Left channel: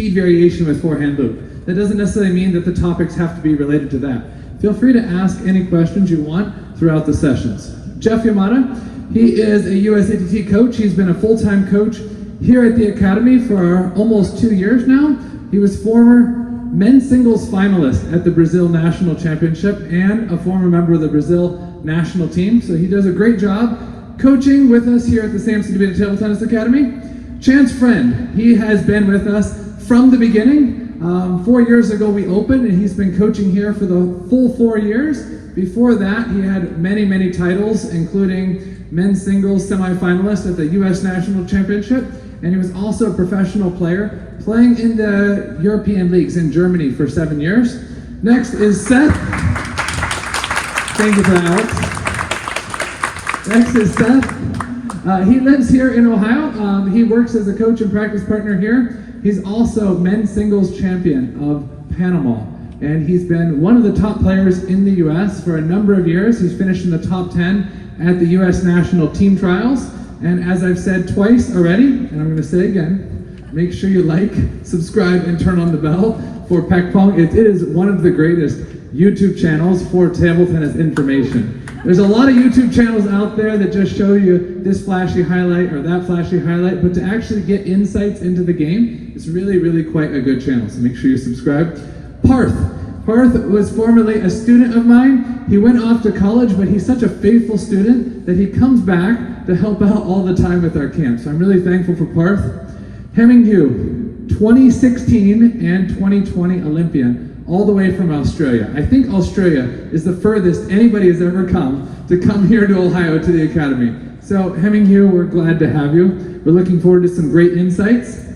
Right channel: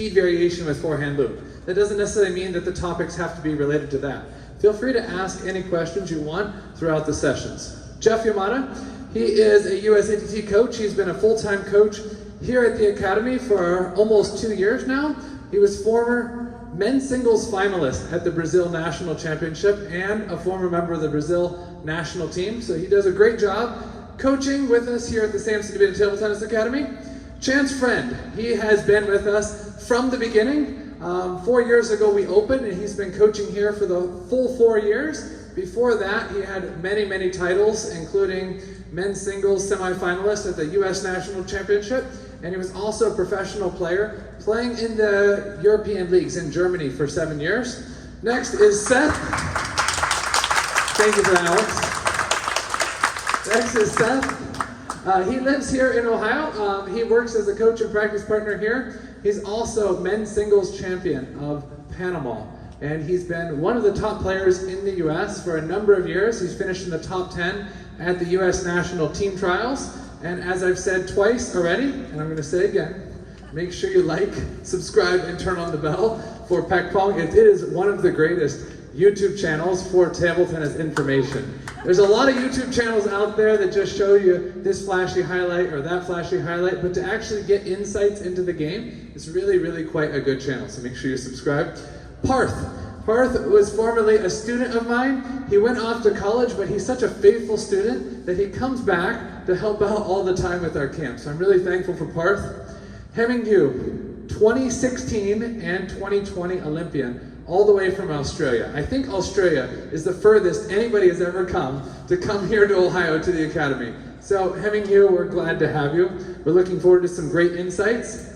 speed variation with forehand loop. That doesn't necessarily mean that the topics have to be related to that. Feel free to ask any questions you want throughout the sessions. Jeff Yamada, he is a USATT coach. He's been a full-time coach here at the Academy for almost 2 years now. He was former men's singles finalist at the Brazil National Championship and a former member of the Brazil national team. So he does a great job coaching with us here at the Samson DeVita Table Tennis Academy. Chance Friend, he has been with us from the beginning. 4 years ago we opened, and he's been coaching here for the full 4 years. Before that, he had many titles, including men's singles semifinalist at the U.S. National Championship, and he was also a professional player, playing in the European leagues in Germany for 7 years. Next is Seth. Thank you for that, Alex. Next is Seth. He lives here in Ohio. He works as a coach and practice partner here. He's also men's singles champion of Panama, and he's been one of the top players in the U.S. for a number of years. He's finished in the top 10 at the U.S. national team trials. And as I've said twice already, and I'm going to say again, make sure you like, subscribe, and turn on the bell for Pek Pong. It is one of the greatest YouTube channels for table tennis information. There's a lot of YouTube channels out there that just show you this flashy highlight or that flashy highlight, but to actually get insights into the game, it's really quite a good channel, so make sure you subscribe. Parth was formerly a student of mine. He went off to college, but he's such a faithful student that he comes back to help out all the time with our camp, so I'm really thankful for Parth. Hemming Yu, 2016 and 2020 Olympian, all the way from Australia. I think Australia is the furthest anybody has ever come here to Ohio to the Academy. So Hemming Yu, we're glad to have you. We're looking forward to some great insights.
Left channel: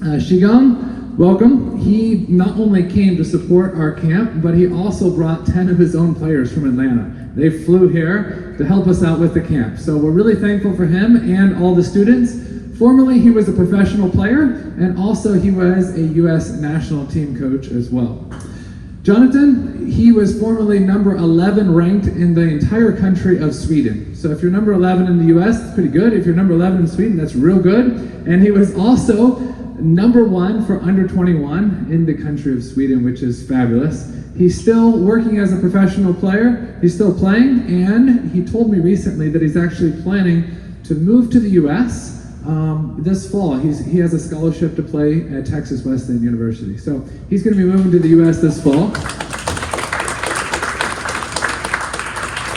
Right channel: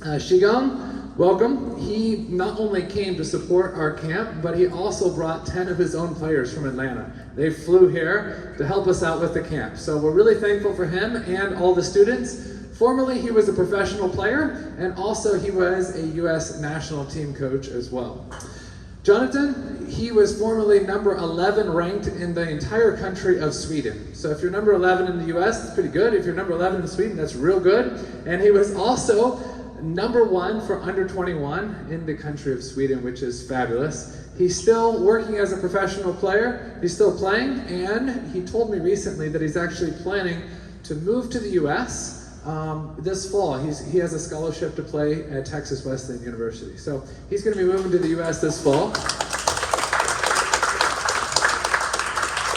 Shigong, welcome. He not only came to support our camp, but he also brought 10 of his own players from Atlanta. They flew here to help us out with the camp. So we're really thankful for him and all the students. Formerly, he was a professional player, and also he was a U.S. national team coach as well. Jonathan, he was formerly number 11 ranked in the entire country of Sweden. So if you're number 11 in the U.S., that's pretty good. If you're number 11 in Sweden, that's real good. And he was also number 1 for under 21 in the country of Sweden, which is fabulous. He's still working as a professional player. He's still playing, and he told me recently that he's actually planning to move to the U.S. This fall. He has a scholarship to play at Texas Wesleyan University. So he's going to be moving to the U.S. this fall.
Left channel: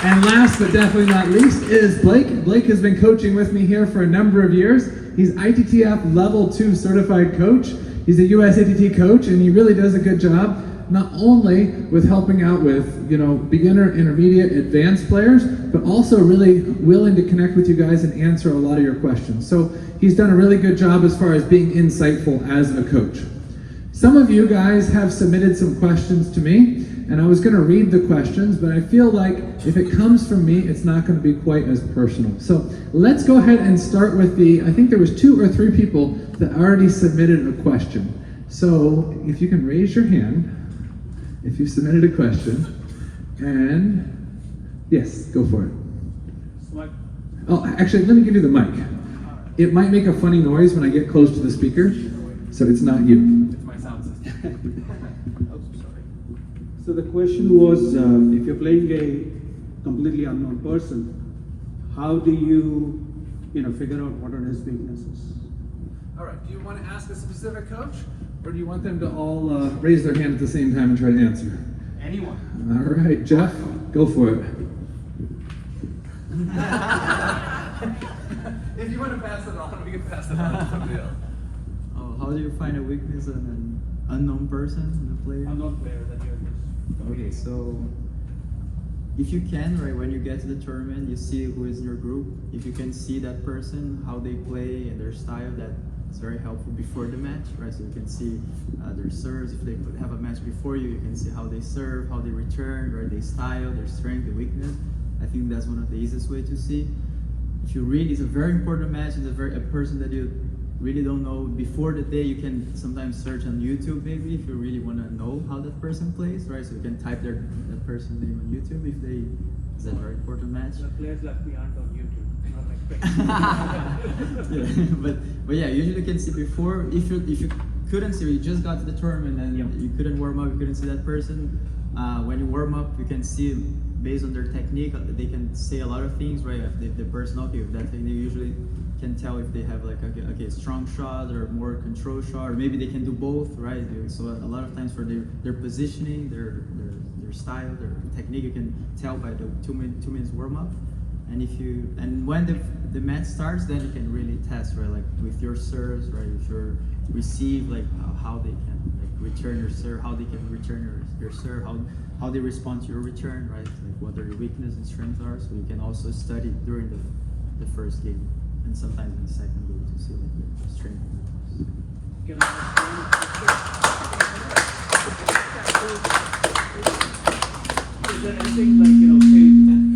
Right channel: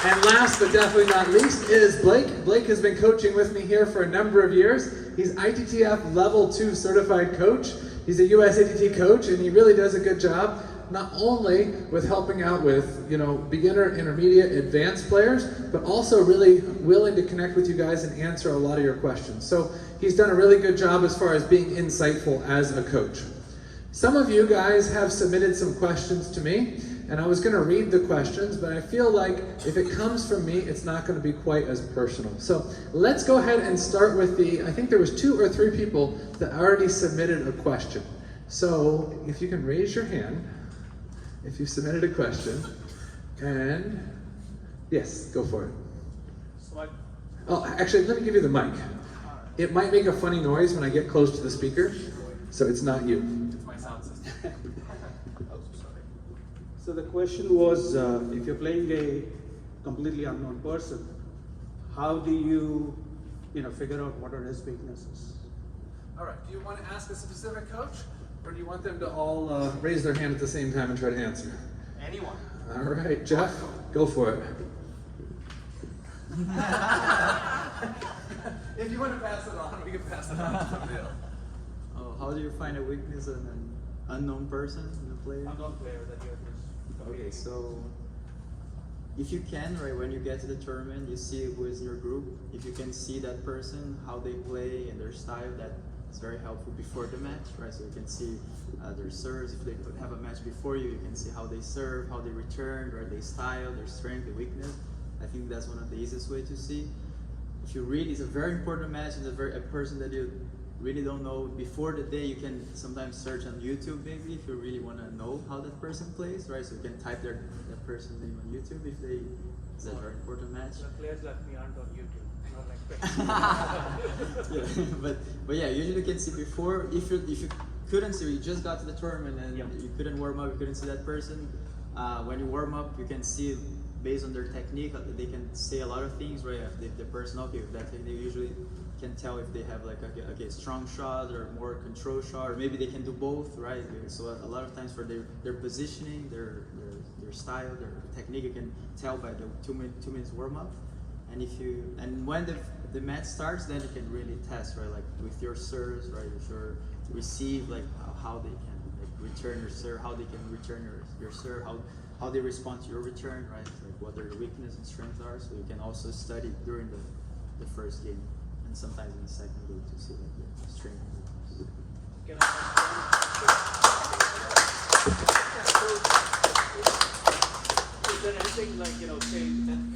And last but definitely not least is Blake. Blake has been coaching with me here for a number of years. He's ITTF Level 2 certified coach. He's a USATT coach, and he really does a good job, not only with helping out with, beginner, intermediate, advanced players, but also really willing to connect with you guys and answer a lot of your questions. So he's done a really good job as far as being insightful as a coach. Some of you guys have submitted some questions to me, and I was going to read the questions, but I feel like if it comes from me, it's not going to be quite as personal. So let's go ahead and start with I think there was 2 or 3 people that already submitted a question. So if you can raise your hand, if you submitted a question, and yes, go for it. Oh, actually, let me give you the mic. It might make a funny noise when I get close to the speaker, so it's not you. It's my sound system. So the question was, if you're playing a completely unknown person, how do you, figure out what are his weaknesses? All right, do you want to ask a specific coach, or do you want them to all raise their hand at the same time and try to answer? Anyone. All right, Jeff, go for it. If you want to pass it on, we can pass it on to somebody else. How do you find a weakness in an unknown person in the player? Unknown player that you're Okay, so if you can, right, when you get to the tournament, you see who is in your group. If you can see that person, how they play and their style, that's very helpful before the match, right? So you can see their serves. If they have a match before you, you can see how they serve, how they return, right? Their style, their strength, their weakness. I think that's one of the easiest way to see. If you really, it's a very important match, and a person that you really don't know before the day, you can sometimes search on YouTube maybe if you really want to know how that person plays, right? So you can type that person in YouTube if they, it's a very important match. The players left me aren't on YouTube. Yeah, but yeah, usually you can see before, if you couldn't see, you just got to the tournament and Yeah. you couldn't warm up, you couldn't see that person. When you warm up, you can see based on their technique, they can say a lot of things, right? If the person, okay, with that technique, usually can tell if they have like okay, strong shot or more control shot, or maybe they can do both, right? So a lot of times for their positioning, their style, their technique, you can tell by the two minutes warm up. And when the match starts, then you can really test, right? Like with your serves, right? With your receive, like how they can like return your serve, how they can return your serve, how they respond to your return, right? Like what their weakness and strengths are. So you can also study during the first game and sometimes in the second game to see like the strength and weakness. Can I ask you, is there anything like,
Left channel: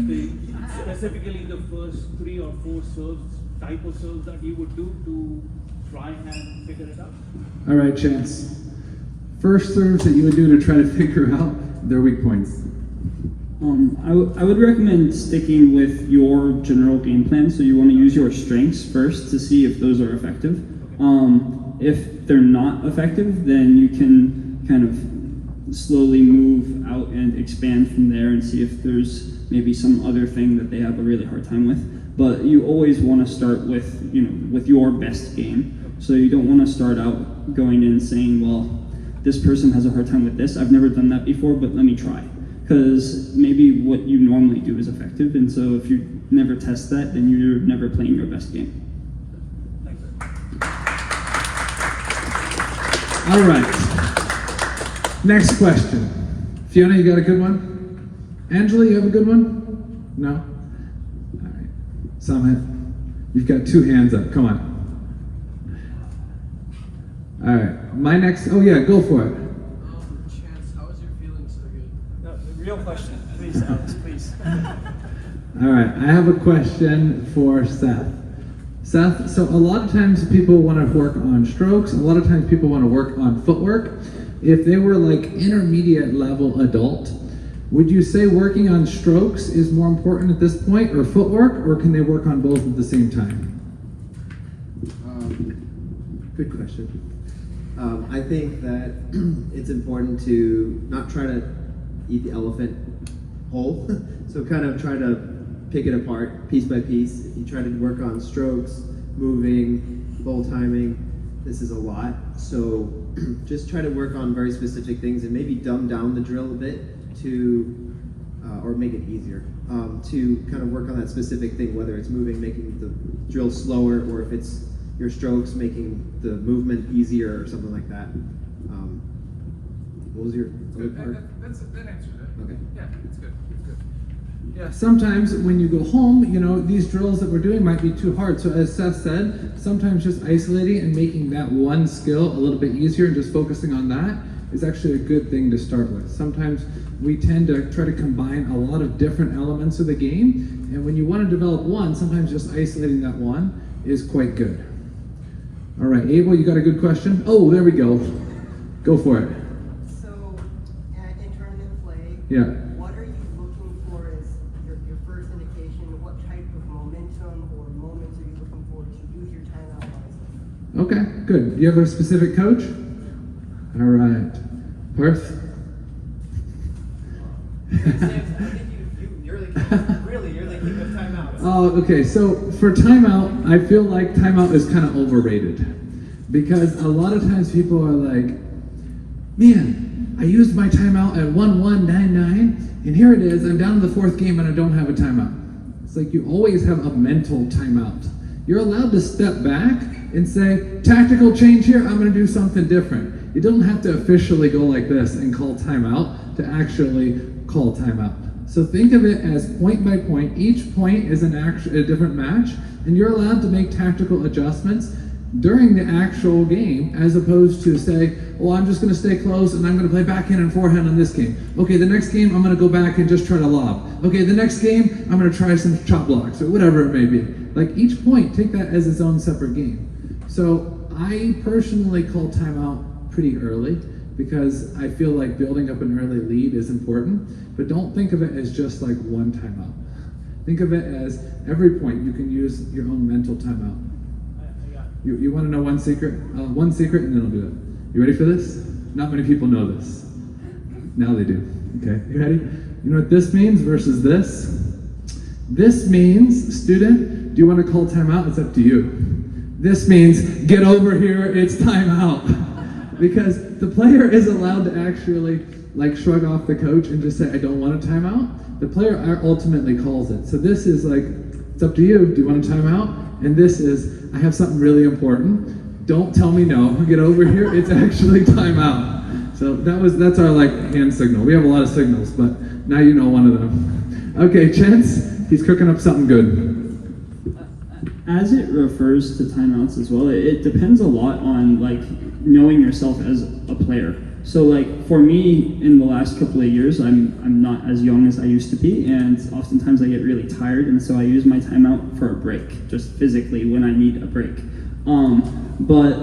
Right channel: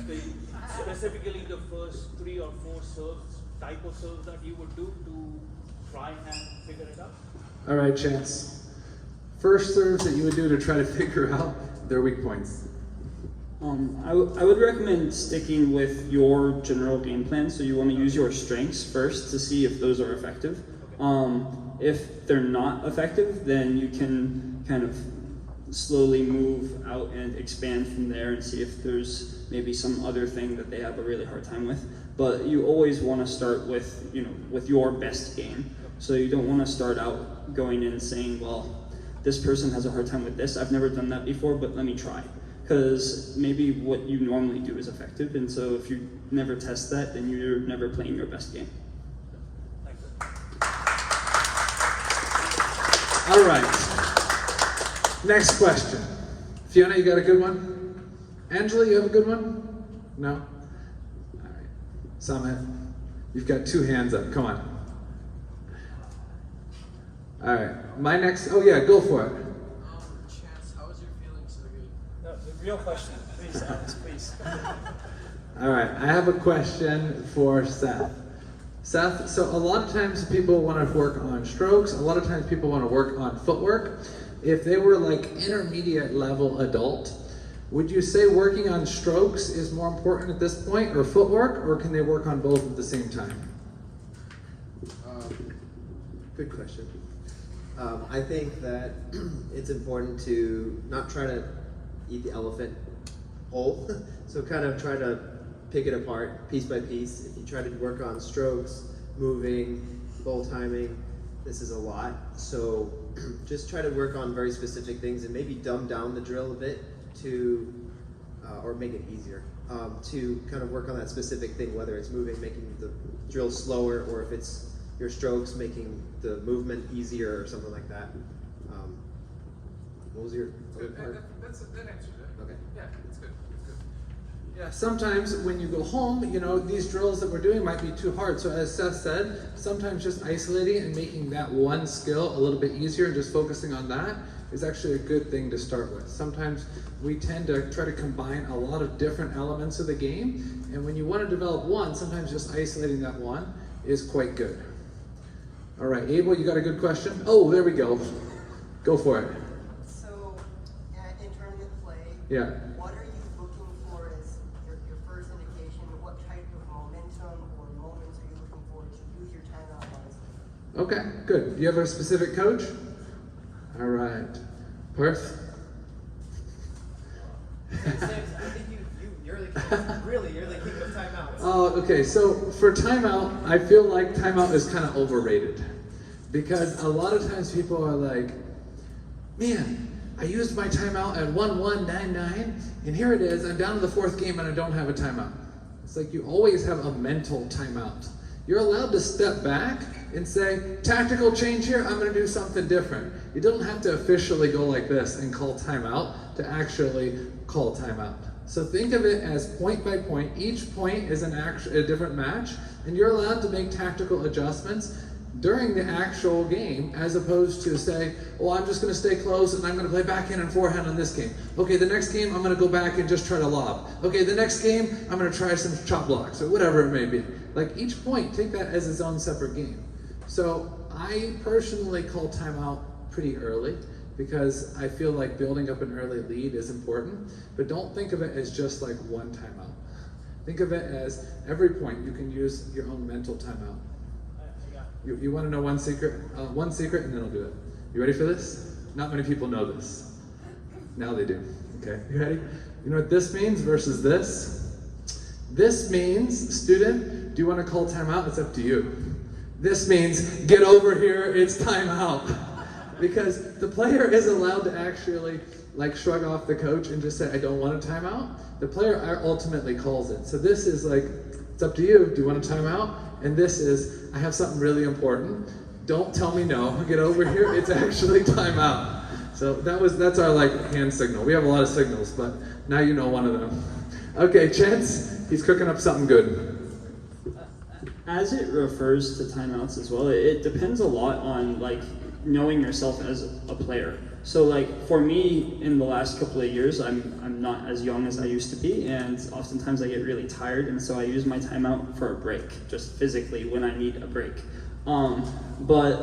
say, specifically the first 3 or 4 serves, type of serves that you would do to try and figure it out? All right, Chance. First serves that you would do to try to figure out their weak points. I would recommend sticking with your general game plan. So you want to use your strengths first to see if those are effective. If they're not effective, then you can kind of slowly move out and expand from there and see if there's maybe some other thing that they have a really hard time with. But you always want to start with with your best game. So you don't want to start out going in saying, well, this person has a hard time with this. I've never done that before, but let me try. Because maybe what you normally do is effective, and so if you never test that, then you're never playing your best game. All right. Next question. Fiona, you got a good one? Angela, you have a good one? No? All right. Samit, you've got 2 hands up. Come on. All right. My next. Oh yeah, go for it. Chance, how was your feelings today? No, the real question, please, please. All right, I have a question for Seth. Seth, so a lot of times people want to work on strokes, a lot of times people want to work on footwork. If they were like intermediate level adult, would you say working on strokes is more important at this point, or footwork, or can they work on both at the same time? Good question. I think that it's important to not try to eat the elephant whole. So kind of try to pick it apart piece by piece. If you try to work on strokes, moving, goal timing, this is a lot. So just try to work on very specific things and maybe dumb down the drill a bit to, or make it easier, to kind of work on that specific thing, whether it's moving, making the drill slower, or if it's your strokes, making the movement easier or something like that. What was your other part? That answered it. Okay. Yeah, it's good. It's good. Yeah, sometimes when you go home, these drills that we're doing might be too hard. So as Seth said, sometimes just isolating and making that one skill a little bit easier and just focusing on that is actually a good thing to start with. Sometimes we tend to try to combine a lot of different elements of the game, and when you want to develop one, sometimes just isolating that one is quite good. All right, Abel, you got a good question? Oh, there we go. Go for it. So, in tournament play, Yeah. what are you looking for as your first indication? What type of momentum or moments are you looking for to use your timeout wisely? Okay, good. You have a specific coach? All right. Parth? You're the king of timeouts. Oh, okay. So for timeout, I feel like timeout is kind of overrated because a lot of times people are like, man, I used my timeout at 1-1-9-9, and here it is. I'm down to the 4th game and I don't have a timeout. It's like you always have a mental timeout. You're allowed to step back and say, tactical change here, I'm going to do something different. You don't have to officially go like this and call timeout to actually call timeout. So think of it as point by point. Each point is a different match, and you're allowed to make tactical adjustments during the actual game, as opposed to say, well, I'm just going to stay close and I'm going to play backhand and forehand in this game. Okay, the next game I'm going to go back and just try to lob. Okay, the next game I'm going to try some chop blocks or whatever it may be. Like each point, take that as its own separate game. So I personally call timeout pretty early, because I feel like building up an early lead is important, but don't think of it as just like one timeout. Think of it as every point you can use your own mental timeout. You want to know one secret? One secret, and then I'll do it. You ready for this? Not many people know this. Now they do. Okay, you ready? You know what this means versus this? This means, student, do you want to call timeout? It's up to you. This means, get over here, it's timeout. Because the player isn't allowed to actually like shrug off the coach and just say, I don't want a timeout. The player ultimately calls it. So this is like, it's up to you. Do you want a timeout? And this is, I have something really important. Don't tell me no. Get over here. It's actually timeout. So that's our like hand signal. We have a lot of signals, but now you know one of them. Okay, Chance, he's cooking up something good. As it refers to timeouts as well, it depends a lot on like knowing yourself as a player. So like for me, in the last couple of years, I'm not as young as I used to be, and oftentimes I get really tired, and so I use my timeout for a break, just physically when I need a break. But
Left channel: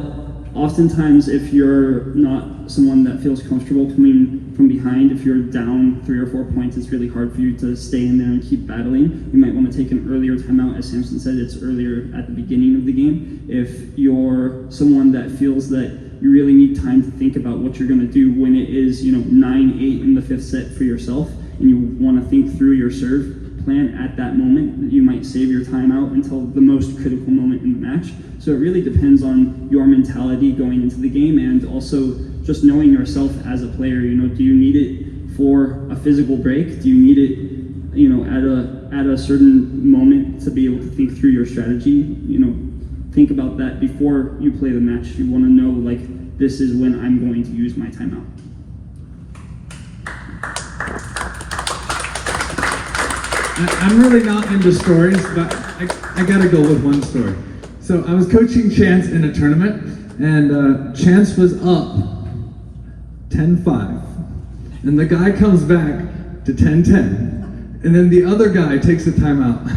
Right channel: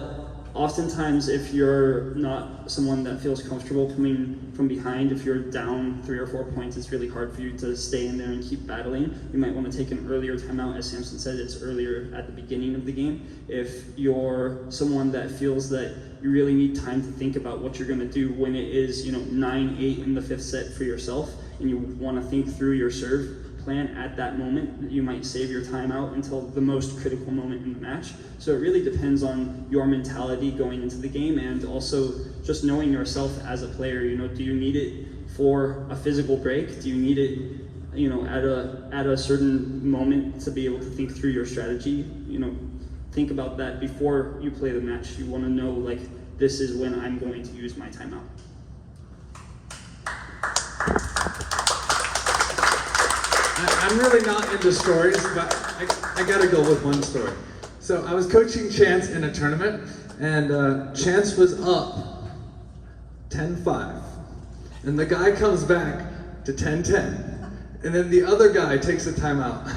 oftentimes, if you're not someone that feels comfortable coming from behind, if you're down 3 or 4 points, it's really hard for you to stay in there and keep battling. You might want to take an earlier timeout. As Samson said, it's earlier at the beginning of the game. If you're someone that feels that you really need time to think about what you're going to do when it is, 9-8 in the 5th set for yourself, and you want to think through your serve plan at that moment, you might save your timeout until the most critical moment in the match. So it really depends on your mentality going into the game, and also just knowing yourself as a player. Do you need it for a physical break? Do you need it, at a certain moment to be able to think through your strategy? Think about that before you play the match. You want to know, like, this is when I'm going to use my timeout. I'm really not into stories, but I gotta go with one story. So I was coaching Chance in a tournament, and Chance was up 10-5. And the guy comes back to 10-10. And then the other guy takes a timeout.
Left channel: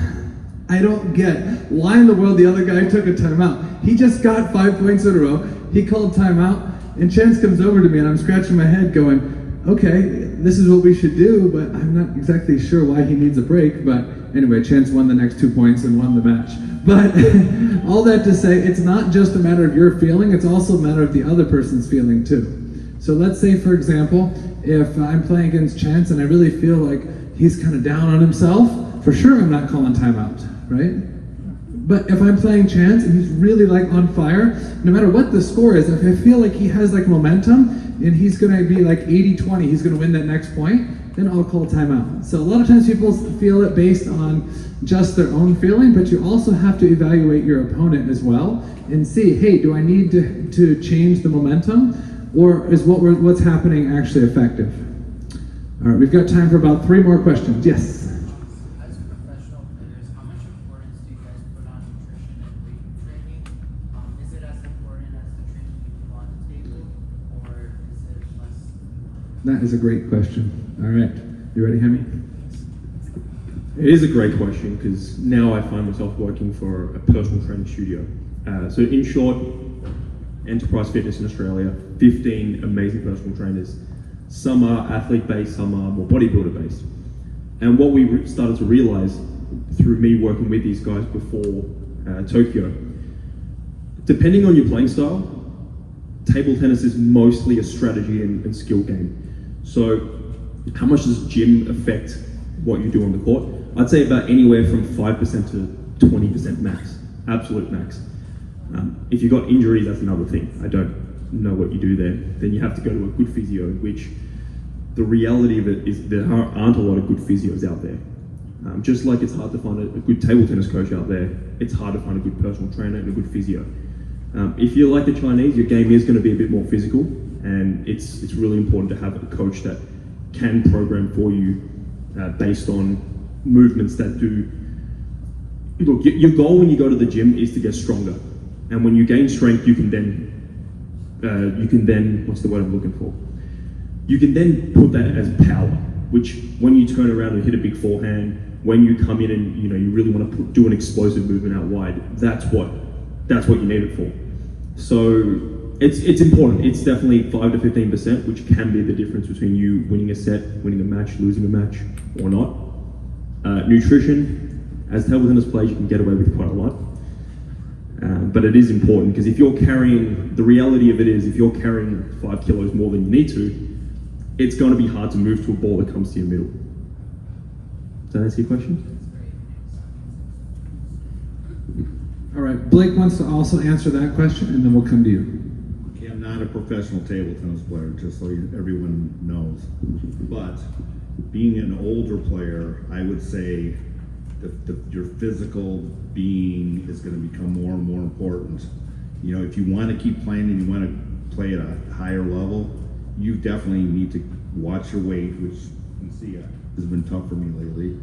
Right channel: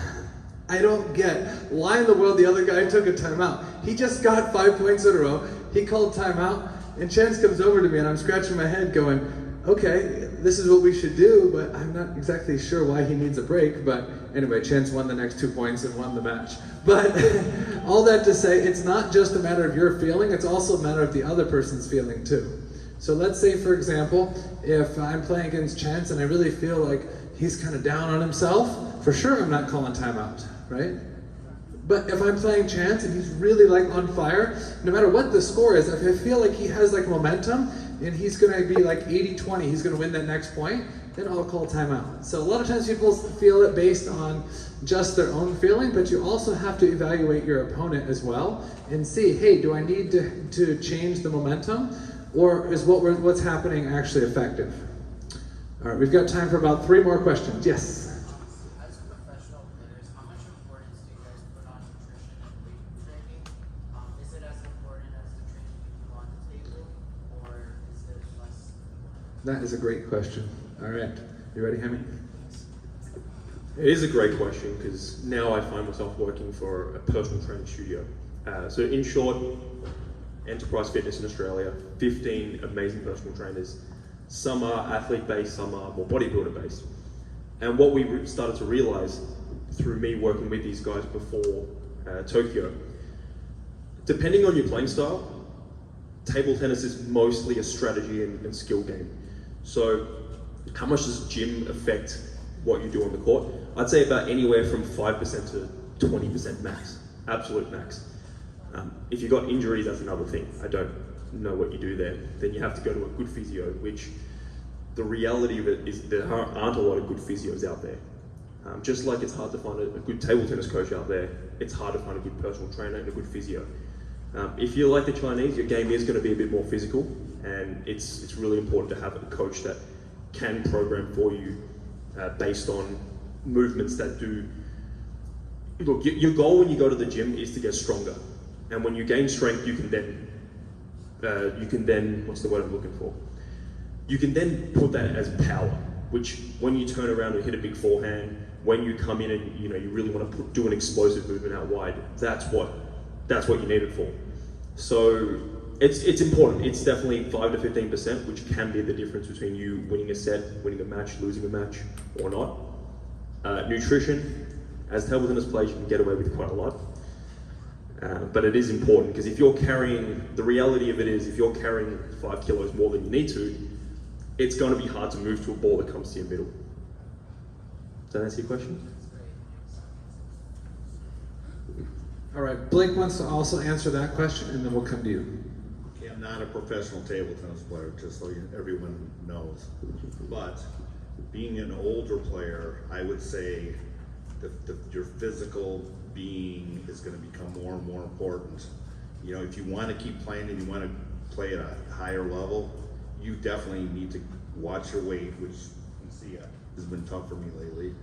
I don't get why in the world the other guy took a timeout. He just got 5 points in a row. He called timeout, and Chance comes over to me, and I'm scratching my head going, okay, this is what we should do, but I'm not exactly sure why he needs a break. But anyway, Chance won the next 2 points and won the match. But all that to say, it's not just a matter of your feeling, it's also a matter of the other person's feeling too. So let's say, for example, if I'm playing against Chance and I really feel like he's kind of down on himself, for sure I'm not calling timeout, right? But if I'm playing Chance and he's really like on fire, no matter what the score is, if I feel like he has like momentum and he's gonna be like 80-20, he's gonna win that next point, then I'll call timeout. So a lot of times people feel it based on just their own feeling, but you also have to evaluate your opponent as well and see, hey, do I need to change the momentum, or is what's happening actually effective? All right, we've got time for about 3 more questions. Yes? As professional players, how much importance do you guys put on nutrition and weight training? Is it as important as the training you do on the table, or is it less? That is a great question. All right, you ready, Hemi? It is a great question, because now I find myself working for a personal training studio. So in short, Enterprise Fitness in Australia, 15 amazing personal trainers. Some are athlete-based, some are more bodybuilder-based. And what we started to realize through me working with these guys before Tokyo, depending on your playing style, table tennis is mostly a strategy and skill game. So how much does gym affect what you do on the court? I'd say about anywhere from 5% to 20% max, absolute max. If you've got injuries, that's another thing. I don't know what you do there. Then you have to go to a good physio, which the reality of it is there aren't a lot of good physios out there. Just like it's hard to find a good table tennis coach out there, it's hard to find a good personal trainer and a good physio. If you're like the Chinese, your game is going to be a bit more physical, and it's really important to have a coach that can program for you based on movements that do. Look, your goal when you go to the gym is to get stronger, and when you gain strength, you can then what's the word I'm looking for? You can then put that as power, which when you turn around and hit a big forehand, when you come in and you really want to do an explosive movement out wide, that's what you need it for. So it's important. It's definitely 5 to 15%, which can be the difference between you winning a set, winning a match, losing a match, or not. Nutrition, as table tennis players, you can get away with quite a lot. But it is important because if you're carrying, the reality of it is, if you're carrying 5 kilos more than you need to, it's going to be hard to move to a ball that comes to your middle. Does that answer your question? All right, Blake wants to also answer that question, and then we'll come to you. Okay, I'm not a professional table tennis player, just so everyone knows. But being an older player, I would say that your physical being is going to become more and more important. You know, if you want to keep playing and you want to play at a higher level, you definitely need to watch your weight, which you can see has been tough for me lately.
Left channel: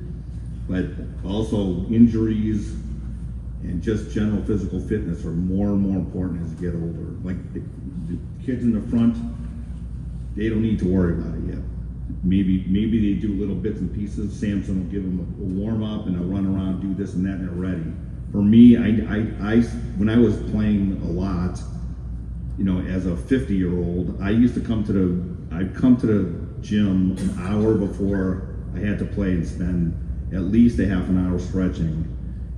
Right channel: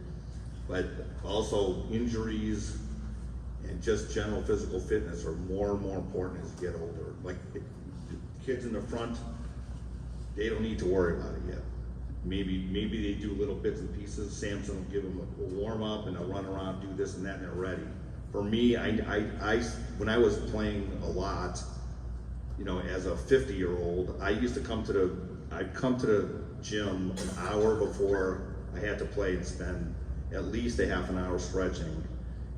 But also injuries and just general physical fitness are more and more important as you get older. Like the kids in the front, they don't need to worry about it yet. Maybe they do little bits and pieces. Samson will give them a warm up and they'll run around, do this and that, and they're ready. For me, I when I was playing a lot, you know, as a 50-year-old, I used to I'd come to the gym an hour before I had to play and spend at least a half an hour stretching.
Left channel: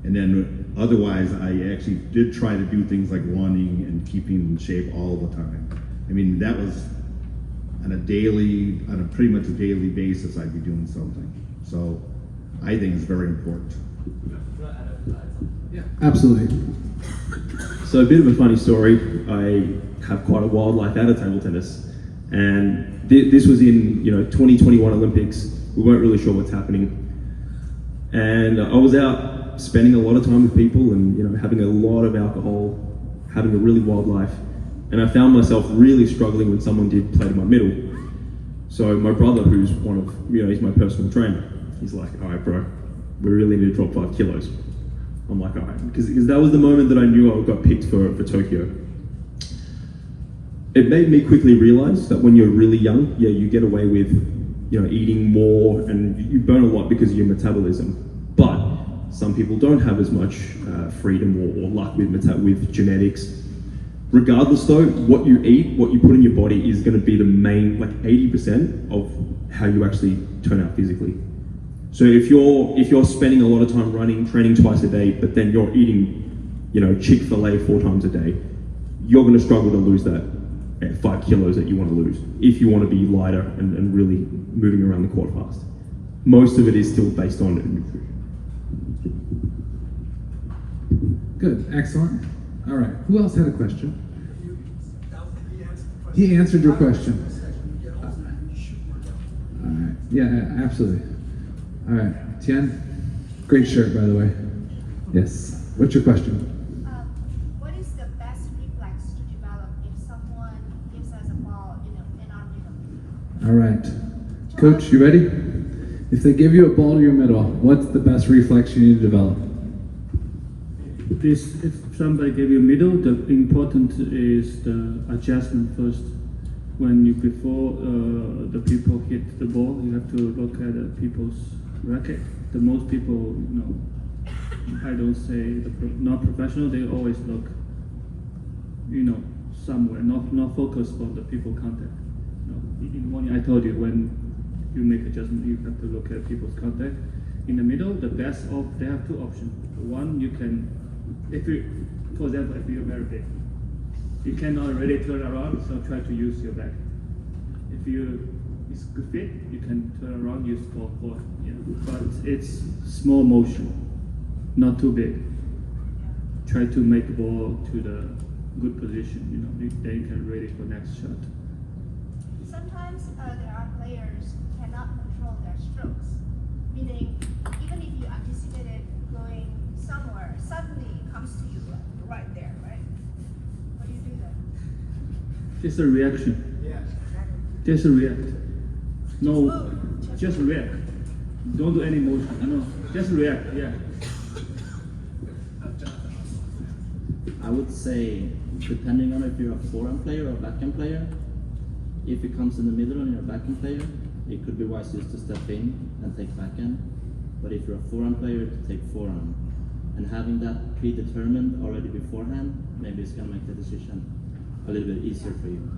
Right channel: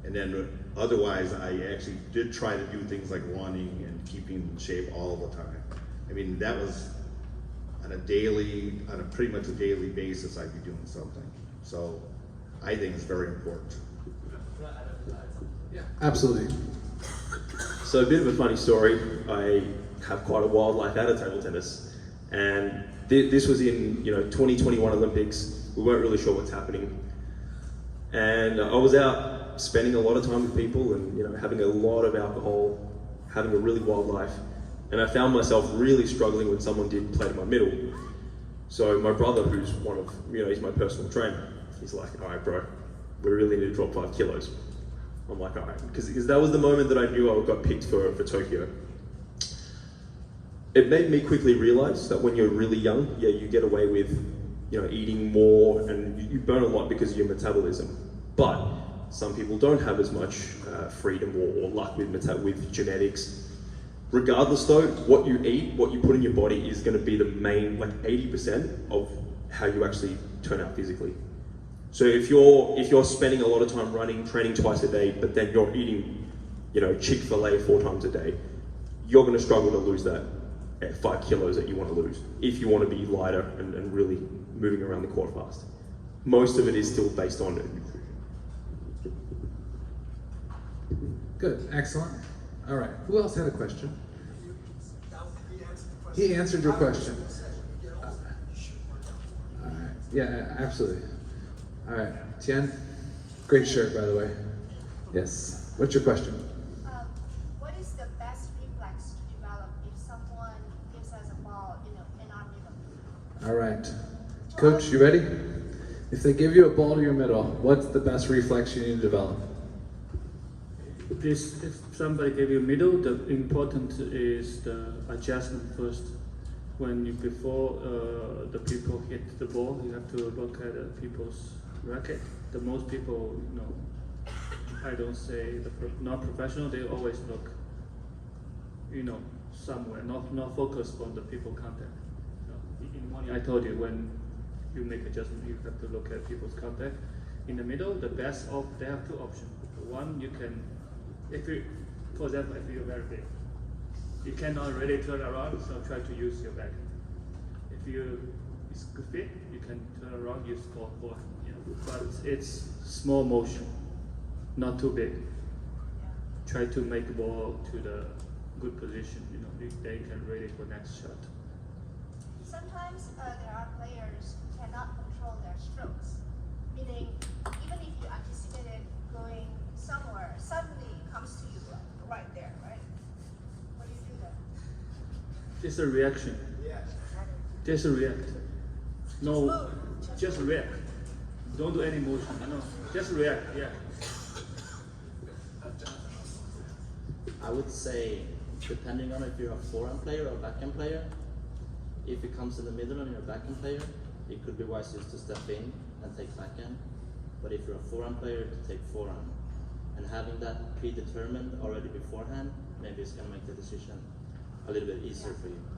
And then otherwise, I actually did try to do things like running and keeping in shape all the time. I mean, that was on a pretty much a daily basis, I'd be doing something. So I think it's very important. Yeah, absolutely. So a bit of a funny story. I have quite a wild life out of table tennis, and this was in 2021 Olympics. We weren't really sure what's happening, and I was out spending a lot of time with people, and having a lot of alcohol, having a really wild life, and I found myself really struggling when someone did play to my middle. So my brother, who's he's my personal trainer, he's like, "All right, bro, we really need to drop 5 kilos." I'm like, all right, because that was the moment that I knew I got picked for Tokyo. It made me quickly realize that when you're really young, you get away with, eating more and you burn a lot because of your metabolism. But some people don't have as much freedom or luck with genetics. Regardless though, what you eat, what you put in your body is going to be the main, 80% of how you actually turn out physically. So if you're spending a lot of time running, training twice a day, but then you're eating, Chick-fil-A 4 times a day, you're going to struggle to lose that 5 kilos that you want to lose if you want to be lighter and really moving around the court fast. Most of it is still based on nutrition. Good, excellent. All right, who else had a question? He answered your question. All right, yeah, absolutely. All right, Tian, great shirt, by the way. Yes. What's your question? What is the best reflex to develop if someone gives us a ball in our middle? All right, Coach, you ready? If they give you a ball to your middle, what's the best reflex you need to develop? If somebody gave you middle, the important is the adjustment first. Before the people hit the ball, you have to look at the people's racket. The most people, I don't say not professional, they always look, somewhere, not focused on the people contact. In the morning I told you when you make adjustment, you have to look at people's contact. In the middle, they have 2 options. One, you can, for example, if you're very big, you cannot really turn around, so try to use your back. If it's good fit, you can turn around, use forward. Yeah. But it's small motion, not too big. Try to make the ball to the good position, then you can ready for next shot. Sometimes there are players who cannot control their strokes, meaning even if you anticipated going somewhere, suddenly it comes to you right there, right? What do you do then? Just a reaction. Just react. No, just react. Don't do any motion. Just react. Yeah. I would say, depending on if you're a forehand player or a backhand player, if it comes in the middle and you're a backhand player, it could be wise just to step in and take backhand. But if you're a forehand player, to take forehand. And having that predetermined already beforehand, maybe it's going to make the decision a little bit easier for you.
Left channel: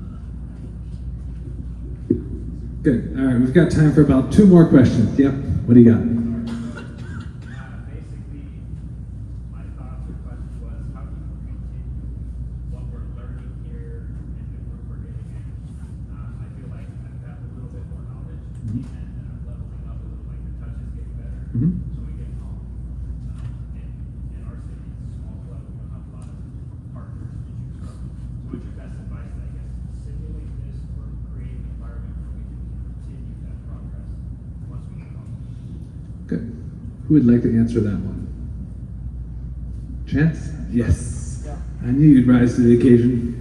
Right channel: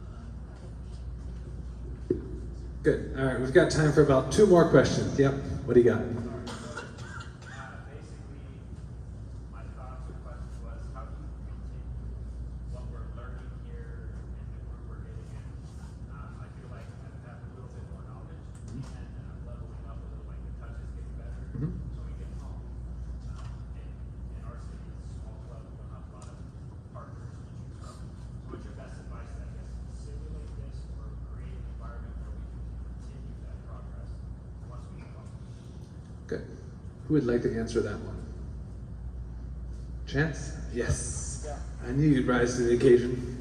Good. All right, we've got time for about 2 more questions. Yep. What do you got? Basically, my thoughts or question was, how do you and leveling up with like the touches get better. Mhm. So we get home. In our city, it's a small club, we don't have a lot of partners to choose from. So what's your best advice, I guess, simulate this or create an environment where we can continue that progress once we get home? Good. Who would like to answer that one? Chance? Yes. I knew you'd rise to the occasion.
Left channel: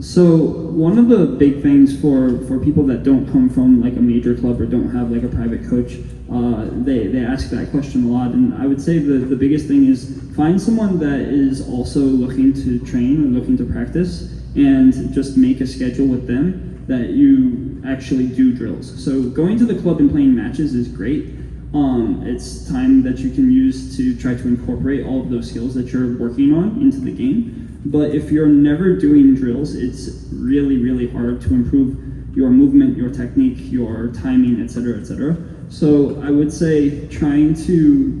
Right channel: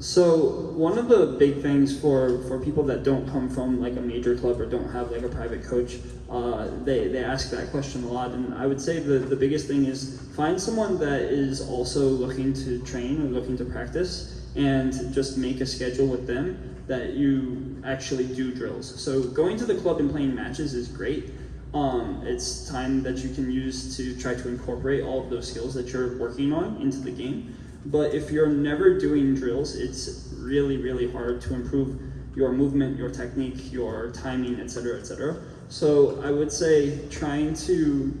So one of the big things for people that don't come from like a major club or don't have like a private coach, they ask that question a lot, and I would say the biggest thing is find someone that is also looking to train and looking to practice, and just make a schedule with them that you actually do drills. So going to the club and playing matches is great. It's time that you can use to try to incorporate all of those skills that you're working on into the game. But if you're never doing drills, it's really, really hard to improve your movement, your technique, your timing, etc., etc. So I would say trying to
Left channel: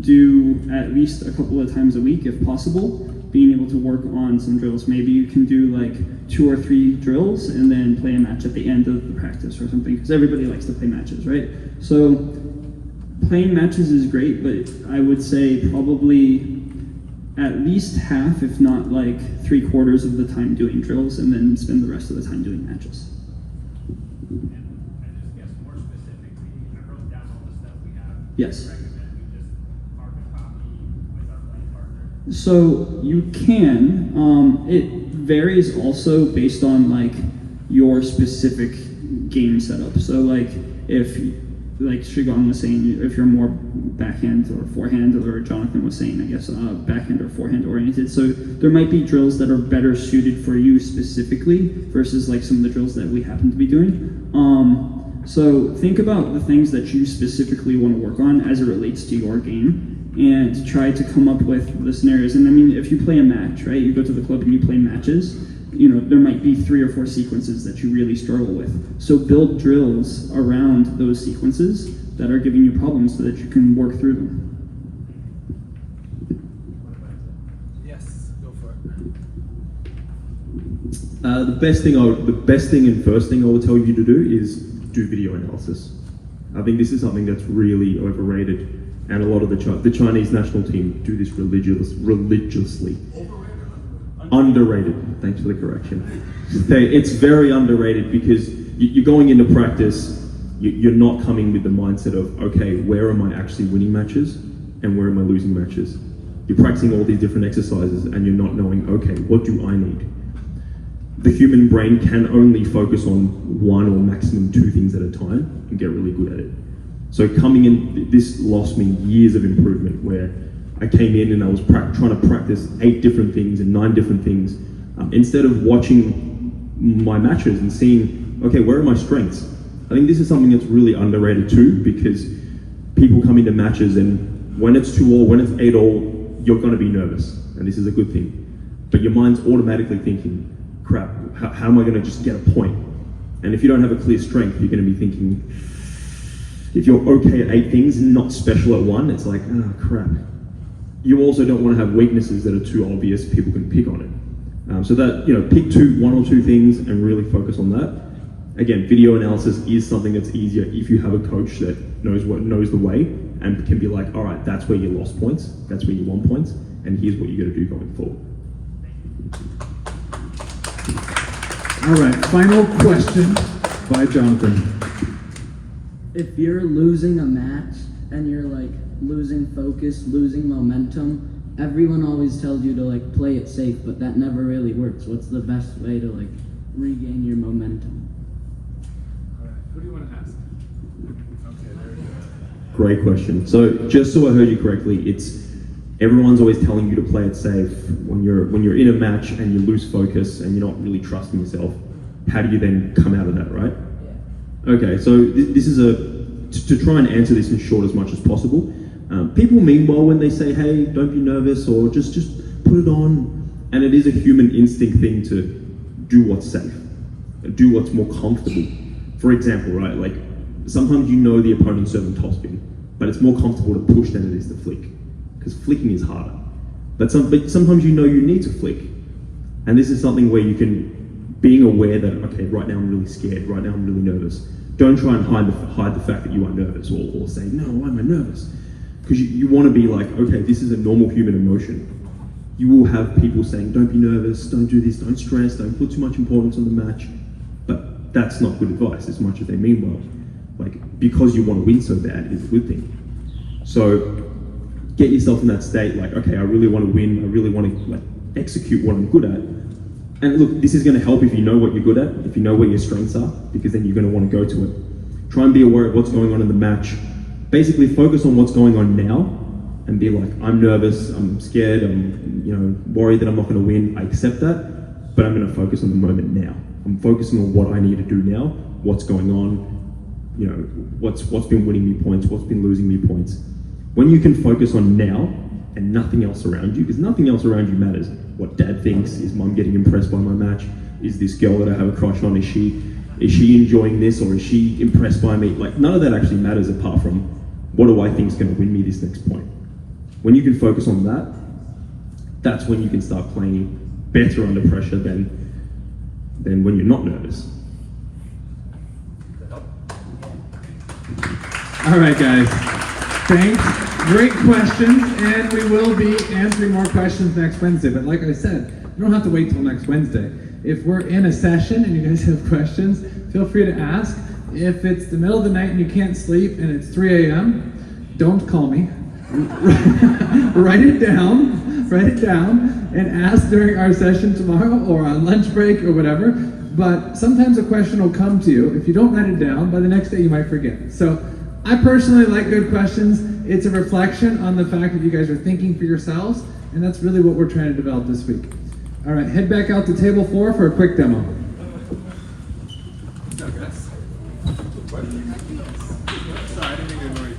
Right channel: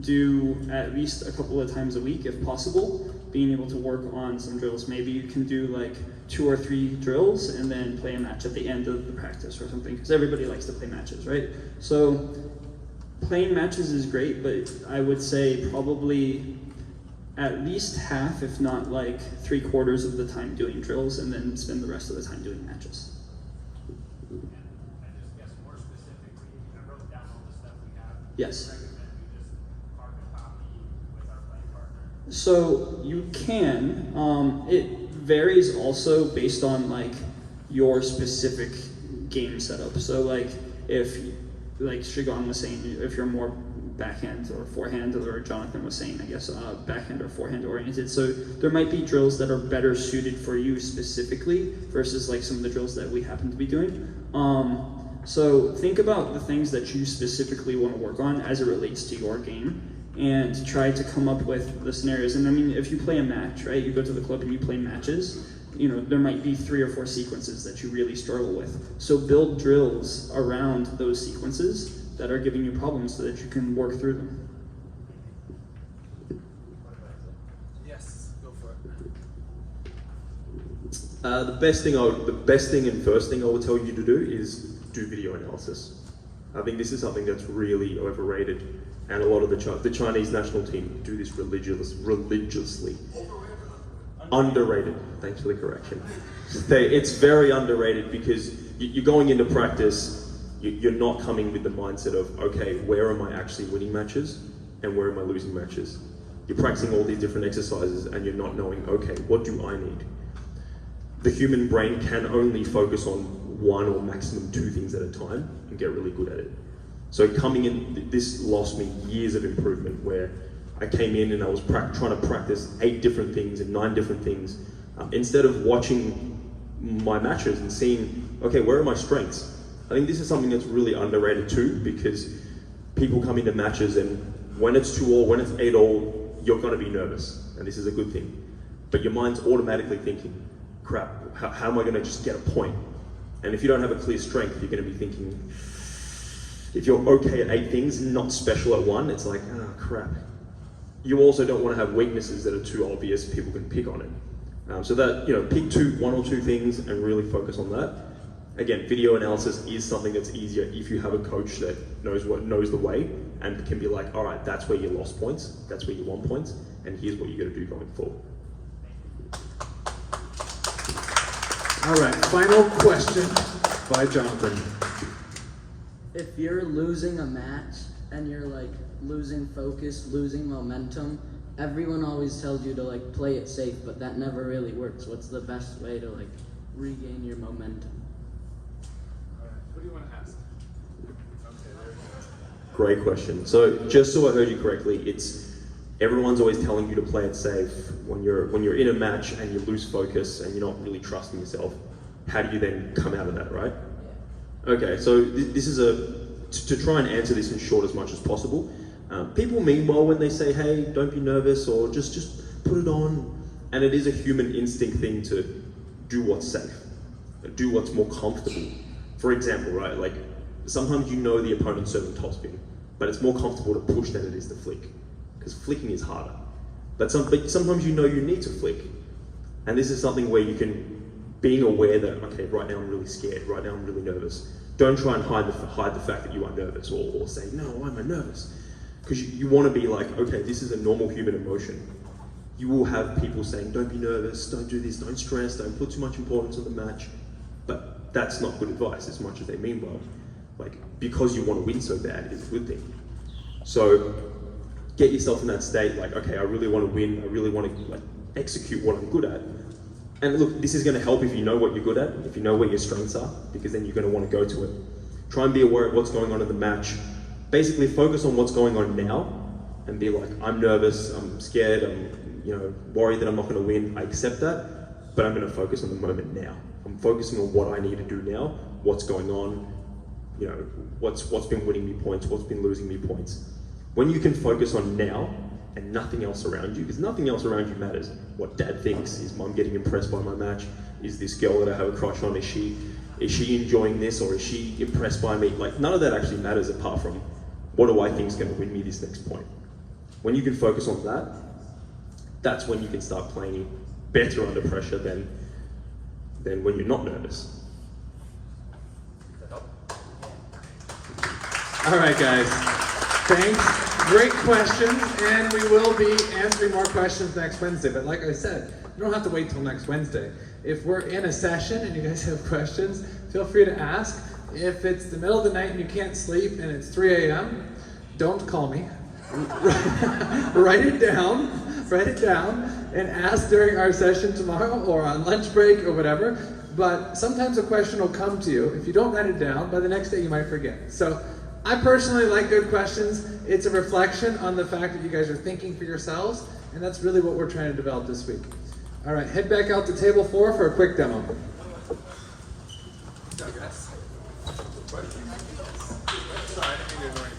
do at least a couple of times a week, if possible, being able to work on some drills. Maybe you can do like 2 or 3 drills and then play a match at the end of the practice or something, because everybody likes to play matches, right? So playing matches is great, but I would say probably at least half, if not like 3/4 of the time doing drills, and then spend the rest of the time doing matches. And just guess more specifically, I wrote down all the stuff we have. Yes. Recommend we just carbon copy with our playing partner. So you can. It varies also based on like your specific game setup. So like if, like Shigon was saying, if you're more backhand or forehand, or Jonathan was saying, I guess, backhand or forehand oriented. So there might be drills that are better suited for you specifically versus like some of the drills that we happen to be doing. So think about the things that you specifically want to work on as it relates to your game, and try to come up with the scenarios. And I mean, if you play a match, right, you go to the club and you play matches, you know, there might be 3 or 4 sequences that you really struggle with. So build drills around those sequences that are giving you problems so that you can work through them. Yes, go for it. The best thing and first thing I will tell you to do is do video analysis. I think this is something that's really overrated, and a lot of the Chinese national team do this religiously. Underrated. Thanks for the correction. It's very underrated because you're going into practice, you're not coming with the mindset of, okay, where am I actually winning matches and where am I losing matches? You're practicing all these different exercises and you're not knowing, okay, what do I need? The human brain can only focus on 1 or maximum 2 things at a time and get really good at it. So coming in, this lost me years of improvement, where I came in and I was trying to practice 8 different things and 9 different things, instead of watching my matches and seeing, okay, where are my strengths? I think this is something that's really underrated too, because people come into matches and when it's 2-all, when it's 8-all, you're going to be nervous, and this is a good thing. But your mind's automatically thinking, crap, how am I going to just get a point? And if you don't have a clear strength, you're going to be thinking, if you're okay at 8 things, not special at 1, it's like, oh crap. You also don't want to have weaknesses that are too obvious, people can pick on it. So that, you know, pick 1 or 2 things and really focus on that. Again, video analysis is something that's easier if you have a coach that knows the way and can be like, all right, that's where you lost points, that's where you won points, and here's what you got to do going forward. All right, final question by Jonathan. If you're losing a match and you're like losing focus, losing momentum, everyone always tells you to like play it safe, but that never really works. What's the best way to like regain your momentum? Who do you want to ask? Okay, there you go. Great question. So just so I heard you correctly, it's everyone's always telling you to play it safe. When you're in a match and you lose focus and you're not really trusting yourself, how do you then come out of that, right? Okay, so this is to try and answer this in short as much as possible. People mean well when they say, hey, don't be nervous, or just put it on. And it is a human instinct thing to do what's safe, do what's more comfortable. For example, right, like sometimes you know the opponent's serving topspin, but it's more comfortable to push than it is to flick, because flicking is harder. But sometimes you know you need to flick. And this is something where you can, being aware that, okay, right now I'm really scared, right now I'm really nervous, Don't try and hide the fact that you are nervous, or say, no, why am I nervous? Because you want to be like, okay, this is a normal human emotion. You will have people saying, don't be nervous, don't do this, don't stress, don't put too much importance on the match. But that's not good advice, as much as they mean well. Like, because you want to win so bad is a good thing. So get yourself in that state, like, okay, I really want to win, I really want to like execute what I'm good at. And look, this is going to help if you know what you're good at, if you know what your strengths are, because then you're going to want to go to it. Try and be aware of what's going on in the match. Basically focus on what's going on now and be like, I'm nervous, I'm scared, I'm worried that I'm not going to win. I accept that, but I'm going to focus on the moment now. I'm focusing on what I need to do now, what's going on, what's been winning me points, what's been losing me points. When you can focus on now and nothing else around you, because nothing else around you matters. What dad thinks, is mom getting impressed by my match? Is this girl that I have a crush on, is she enjoying this, or is she impressed by me? Like, none of that actually matters apart from what do I think is going to win me this next point. When you can focus on that, that's when you can start playing better under pressure than when you're not nervous. All right, guys. Thanks. Great questions, and we will be answering more questions next Wednesday. But like I said, you don't have to wait till next Wednesday. If we're in a session and you guys have questions, feel free to ask. If it's the middle of the night and you can't sleep and it's 3 a.m., don't call me. Write it down, and ask during our session tomorrow or on lunch break or whatever. But sometimes a question will come to you. If you don't write it down, by the next day you might forget. So I personally like good questions. It's a reflection on the fact that you guys are thinking for yourselves, and that's really what we're trying to develop this week. All right, head back out to table 4 for a quick demo. Sorry, I didn't mean to ignore you.